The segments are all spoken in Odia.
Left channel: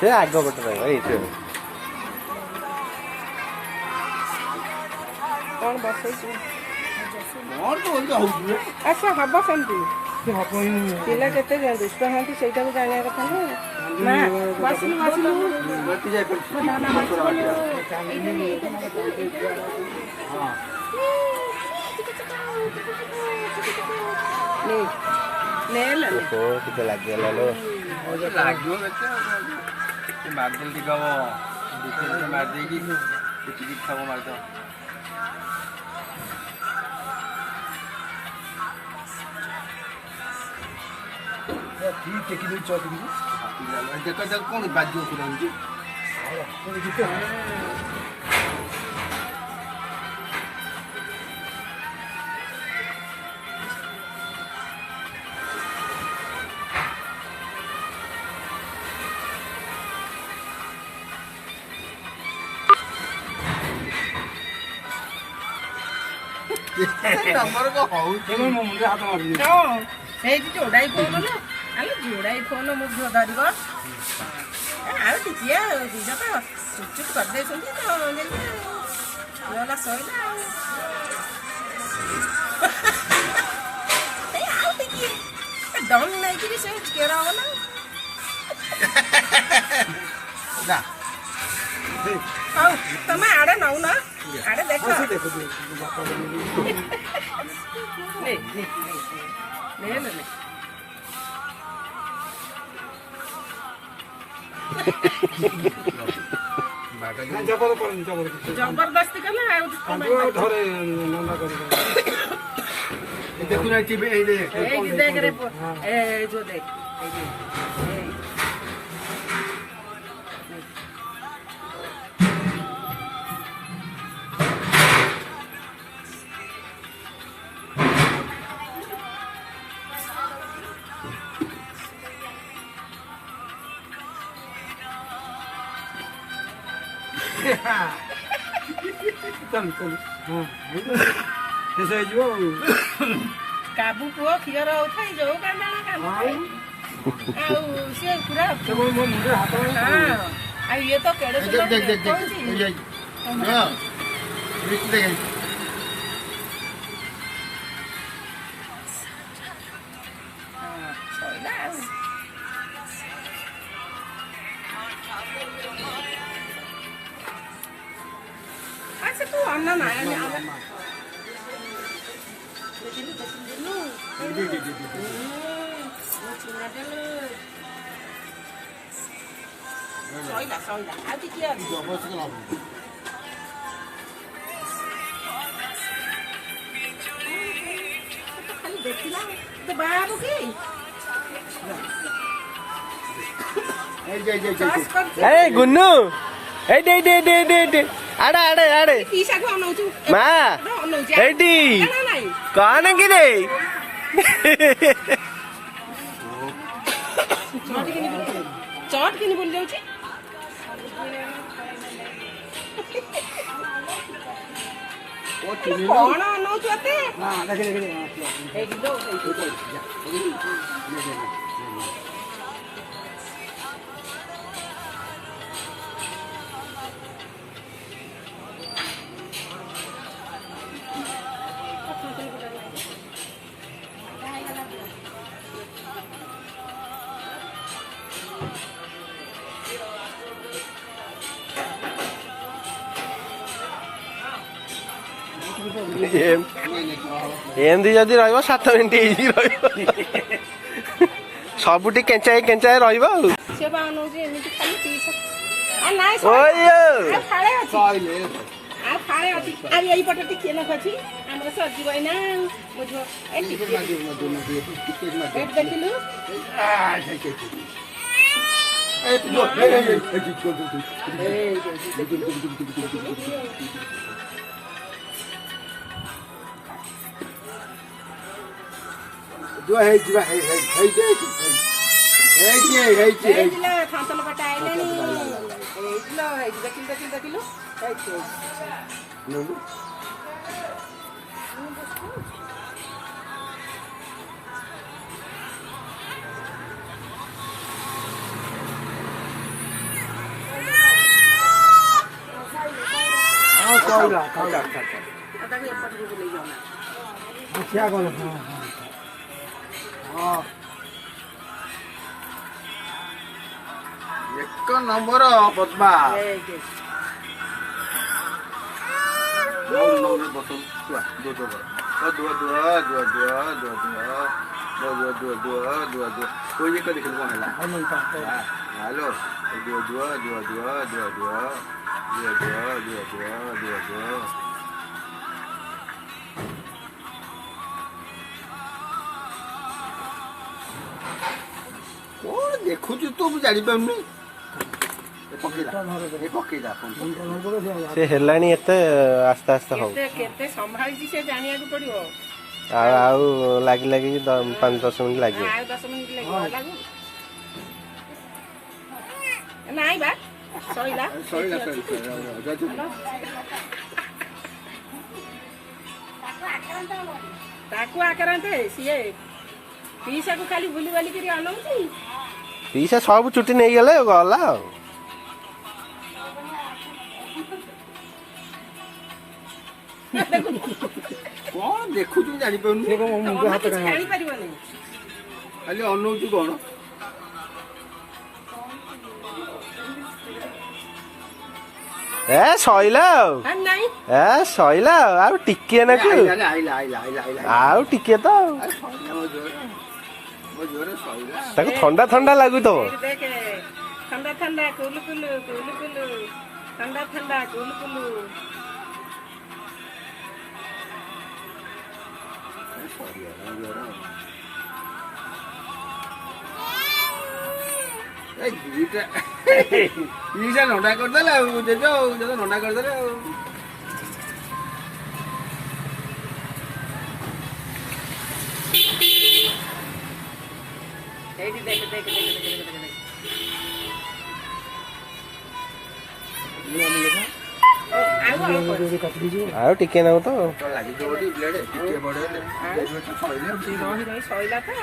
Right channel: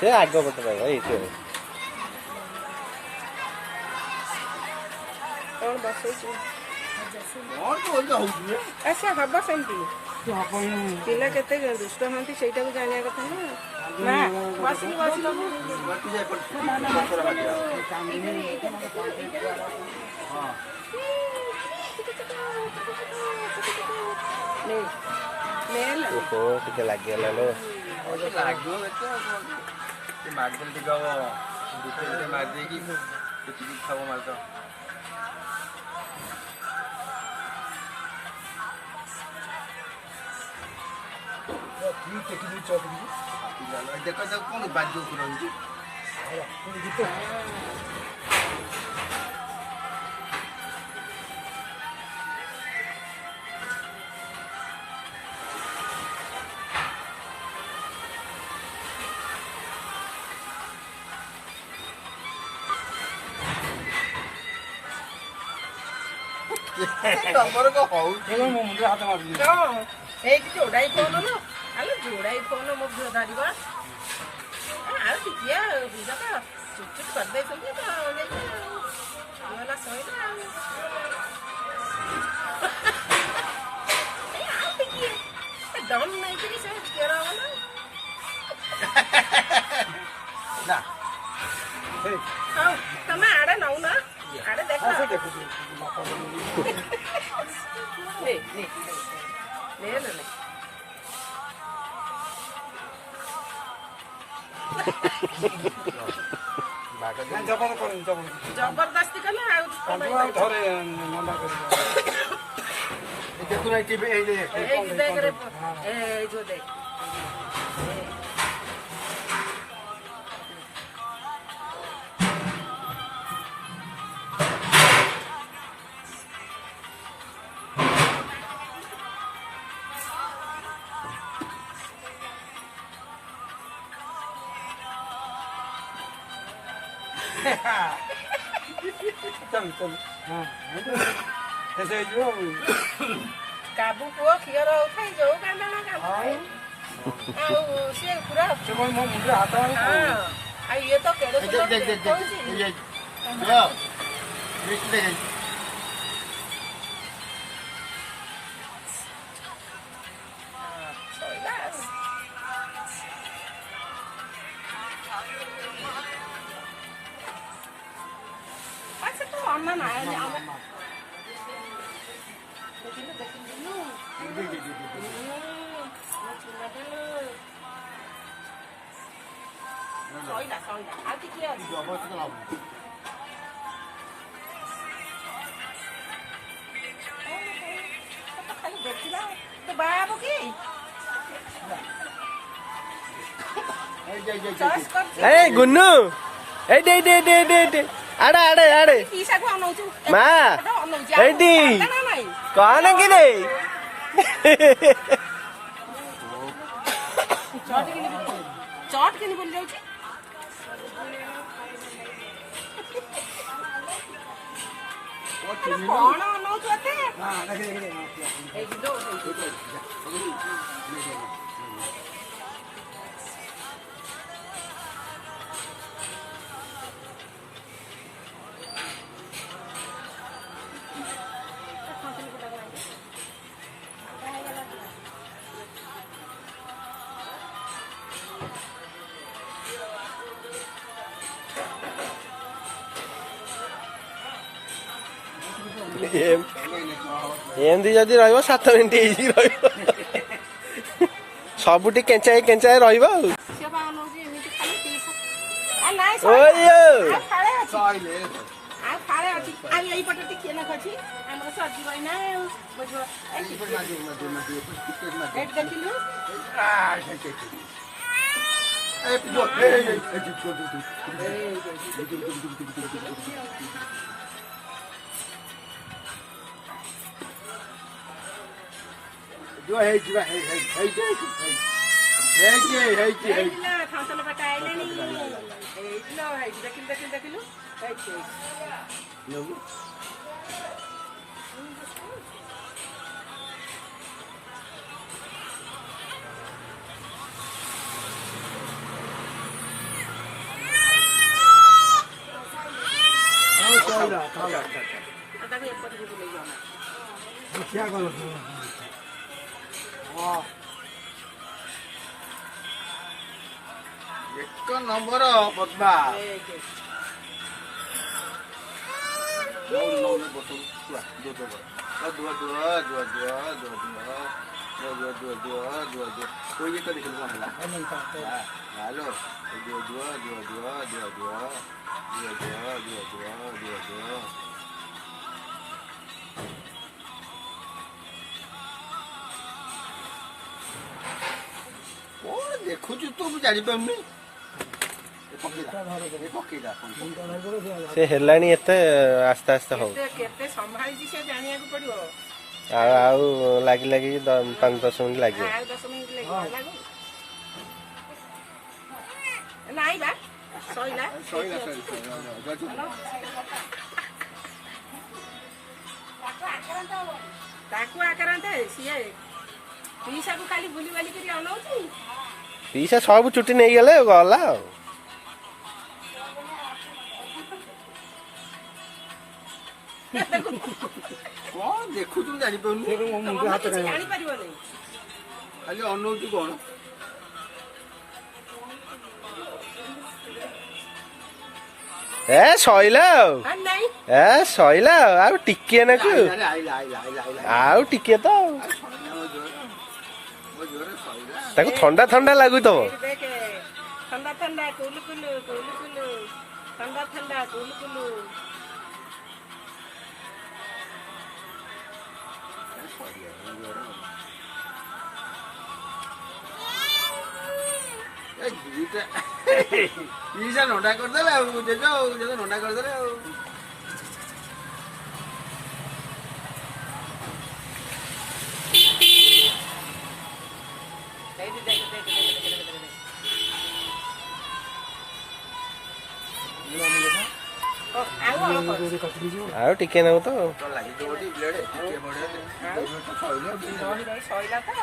से आग पटे रहा ये कौन बसई अच्छा हम सेमती पिला केते दुष्ट हाँ से जाना कथा ना बस लगे लो मार्दल टिका मार देगी खाव मार दो देखो जब कौन बाजू नंबर को हाउ मो मुंडे हाथ मार दियो ए जोड़ाई फोन ना अरे जोड़ाई फोन मो धरी आ टिकिया बुझा तो चुप चुप कर दे तो वाला सोइला ए आ टिकिया दम नहीं कि से केरा वाला ना हां तमे आड़े नौ ना आड़े देखो ले ले ले ले जबरदस्ती कले धरे मना कर देखो ना टीवी ए देख रे ए जो देख काबू पुओ क्षीर उठाई जो पूरा हाथ ये तो केड़े अच्छा तू अन्ना ना soila ati kia गुन्नू आड़े आड़े आड़े माँ कौन कि चट के बोल जाऊँ कौन अनौचते हां देख एक दो एमती जदि रत मिनिट सबुटी केंचाई केंचाई जो है जीवा है थांतल बटाइले नी एइलो है देखिलो ସଇଲା ଆଉ ତାକୁ ଏପଟକୁ ବୁଲେଇ ଯାଉ ଦେଖିଆ ଗଲେ ହଁ ଏକ ନମ୍ବର ପଦ୍ମା कोई को देखिल कौन है हेलो कौन देखु तू मुझे जानी पाऊनी ସେ ହେଲାଣି ଏତେ ଆସ୍ତେ ଆସ୍ତେ ହଉ କେତେ ସମ୍ଭାଳିଛି ସେ ଜାଣିବାକୁ ପଡିବ ଆଉ ଲାଗି ଲାଗି 5-10 ମିନିଟ୍ ଲାଗିବ ଆଉ 10 ମିନିଟ୍ ଲାଗିବ ଲାଗୁ ନାଇଁ ବା ସଇଲା ତାକୁ ଆକାରାନ୍ତେ ସିଏ ପିଇସାକୁ ଖାଲି ବୁଲି ବାଲିକିରି ଅନଉଛି ପିଇସା ସବୁ ଚୁଟି ନେଇଗଲେ ଗଲା ଆଉ कौन देखु तू जानी पाऊनी ଜାଣିପାରିବନି खाली अनौचु कौन ଏ ସଇଲା ଆଉ ନାଇଁ ଏ ସଇଲା ଆଉ ଟିକିଏ ନାକୁ ଆଉ ଟିକିଏ ତ ଆଉ ତାକୁ ଥଣ୍ଡା ଥଣ୍ଡା ଲାଗୁଥିବ ଦେଖେ ଥଣ୍ଡା ଥଣ୍ଡା କୁଲୁ କୁଲୁ କୁଲୁ କୁଲୁ ଥଣ୍ଡା ଥଣ୍ଡା କୁଲୁ କୁଲୁ ପିସା ନଣ୍ଡା କରିଦେଲେ ଆଉ ଜେଜ ନଣ୍ଡା କରିଦେଲେ ଆଉ ସେଇଠି ଦେଖେ ଦେଖେ ଦେଖେ ଦେଖେ ଦେଖେ ଆଉ ଟିକେ ନାକୁ ତ ଲାଗିଯିବ ଗୋଟେ ବ୍ଲେଡ୍ ଟିକେ ବଡ ସଇଲା ତ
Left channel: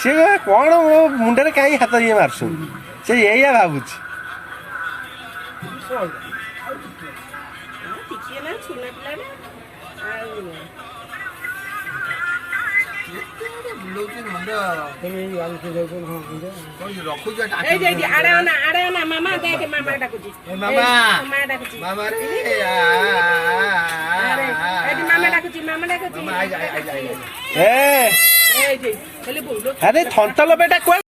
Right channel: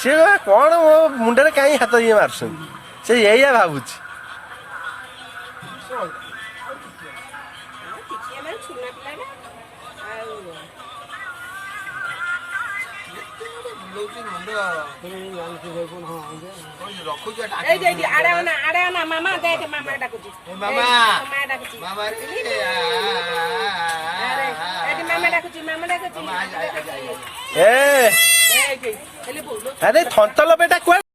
ସେ କଣ ମୋ ମୁଣ୍ଡରେ କାହିଁ ହାତ ଇଏ ମାରୁଛନ୍ତି ସେ ଏଇଆ ଭାବୁଛି ଟିକିଏ ନା ଛୁନା ପିଲାଟା ଆଉ ରଖୁଛୁ ଏଇଠି ଆଡେ ଅନା ମାମା ଦେଖେ ମାମା ଡାକୁଛି ମାମା ଡାକୁଛି ଏଇଠି ମାମା ଡାକୁଛି ଆରେ ଥନ୍ତଲ ବେଟା କୁଆଡେ